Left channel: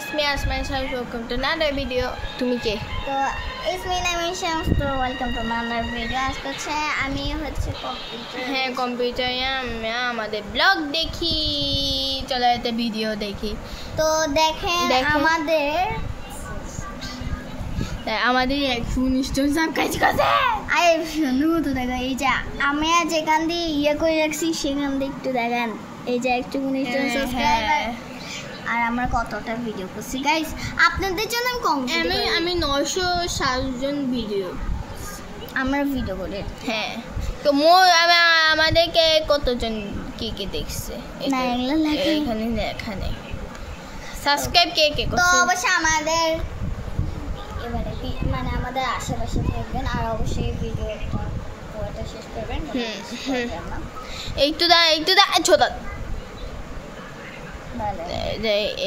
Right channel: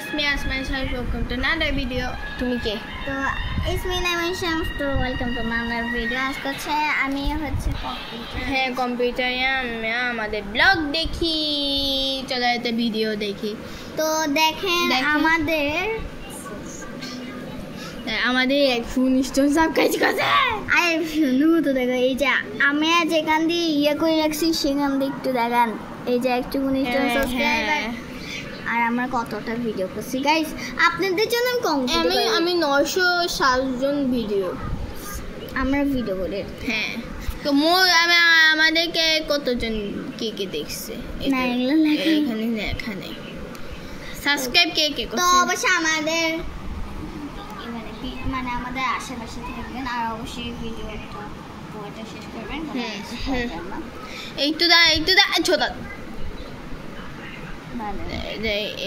It's me Asman Shah. Welcome to another video. তুমি কে? তো it's me Asman Shah. So welcome to another video. আজকে আমি হচ্ছে computer. হ্যাঁ কম্পিউটারে আমরা আমাদের ব্লগ দেখি, চলো একটা ভিডিও দেখি। তো দেখেন আমাদের 119 জন সাবস্ক্রাইব করছে। আরে শুনু তো দেখো, এই যে আমি যেখান দিয়ে ইয়ে করে রাখছি সেখান দিয়ে একটু দেখেন, এই যে 119 জন সাবস্ক্রাইবার। আর আমরা কতটা ভিডিও করছি গাইস আপনাদের জন্য। আমি 907 জন ভিডিও আমরা ভিডিও করি। হ্যাঁ তো আমাদেরকে কতজন কি দেখছে এখানে সাবস্ক্রাইব কে করছে? তো অবশ্যই আমাদের মানে আমাদের আশেপাশে থাকবেন আর অবশ্যই ভিডিওটা শেষ করবেন। একটু দা ছোট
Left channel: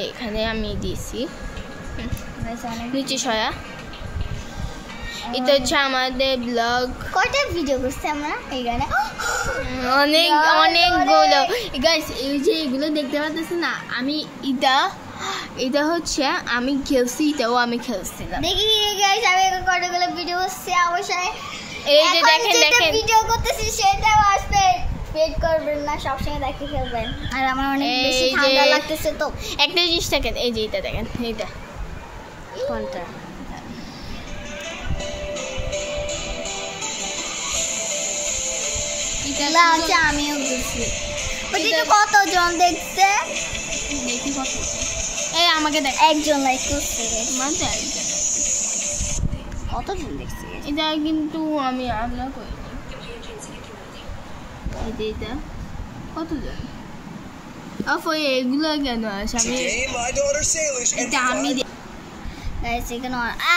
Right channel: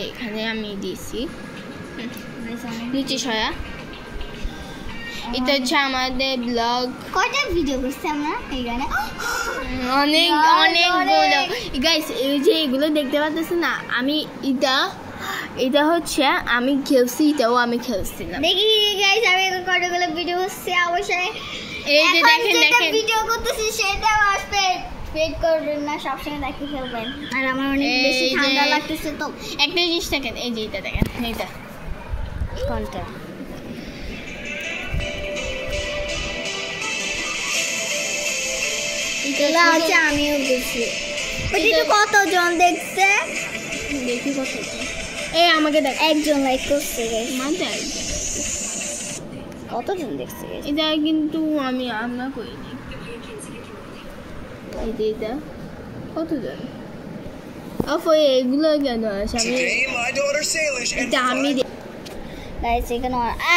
এখানে আমি দিয়েছি নিচে সয়া। এটা হচ্ছে আমাদের ব্লগ। কয়টা ভিডিও করছি আমরা এখানে? অনেকগুলো গাইস। এই যে এগুলো দেখতে পাচ্ছেন না, আমি এটা হচ্ছে আমি খেলছি, এটাও আমি খেলছিলাম। দেখি গাইস আমি কতগুলো ভিডিও করছি। অবশ্যই এই যে দেখেন ভিডিও করতেছি সেটাও আসতে ওয়েট করবেন না, সবসময় দেখে খেলবেন। আর আমার অনেক বেশি ঠান্ডা লাগতেছে তো একটা জিনিস দেখেন, এই যে এটা দেখেন, এটা কোনটা? এটা হচ্ছে আমিও করছি। ওইটা কতজন দেখছে দেখি কতজন। এই আমাকে দেখ, একজন লাইক করছে। কতজন দেখছে এটা? কিন্তু আমরা করিনি। এটা কতজন? এগুলো কেন আছে? আমি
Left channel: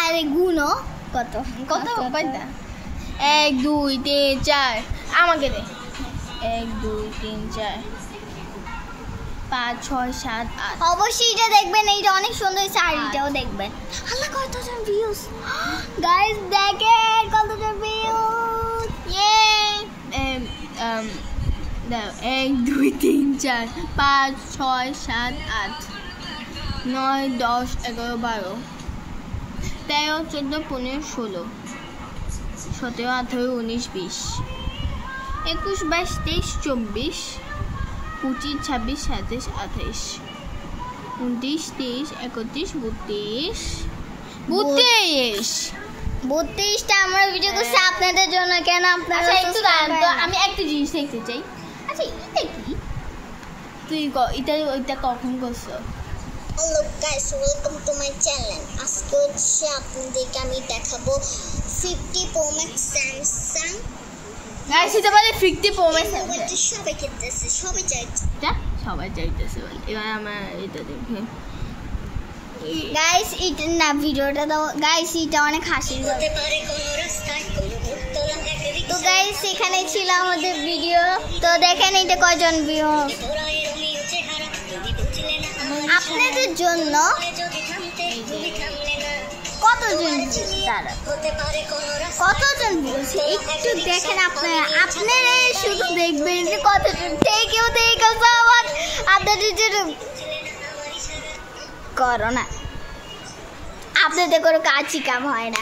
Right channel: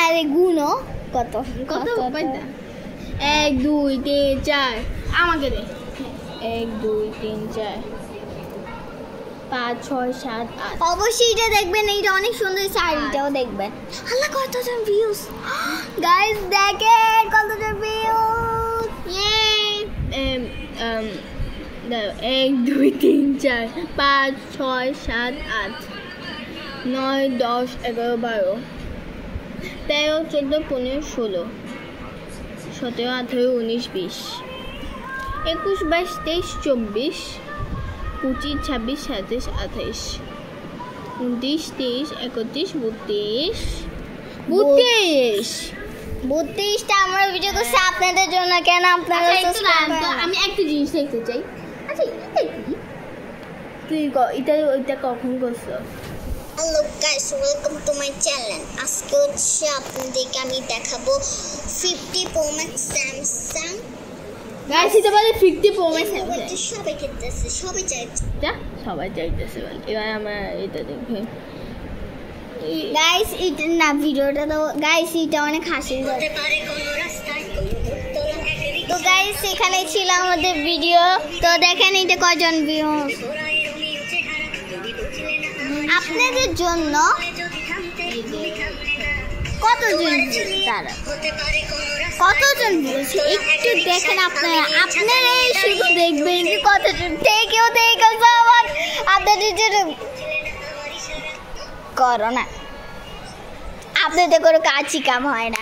আরে গুনো কত 1 2 3 4 আমাকে দে। 1 2 3 4 5 6 7 8। অবশ্যই এটা দেখবেন, এইটা অনেক সুন্দর শাড়িটাও দেখবেন। আল্লাহ কতজন ভিউজ গাইস, দেখেন কতজন ভিউজ। ইয়ে 1 2 3 4 5 6 7 8 9 10 11 12 13 14 15 16 17 18 19 20 21 22 23 24 25 26 27 28 29 30 31 32টা আমরা ভিডিও করছি আপনাদের জন্য। কেন আপনারা? আমি একটা জিনিস দেখতে চাই। আচ্ছা এটা কি? তুই ওইটা কখন করছো? Hello guys, welcome to my channel. আজকে হচ্ছে আপনাদেরকে আমি দেখাবো 50 Pro Max স্যামসাং। গাইস এটা বলে 50 Pro Max সবাই কিনতেছে, সবাই চাইতেছে বলে। এবার আমরা এটা দেখবো গাইস। এটা না ভিডিওটা তো গাইস এটা অনেক হাসির। তো গাইস এখানে ছিল আমাদের ভিডিও। তো দেখেন এটা কয়জন ভিউ আপনাদের জন্য, কতজন বলছে একটু দেখেন। আপনারা শুধু দেখবেন যে কতজন কেউ আপনাদের জন্য করো না, আপনাদের কোনো কাজই কাম হয় না।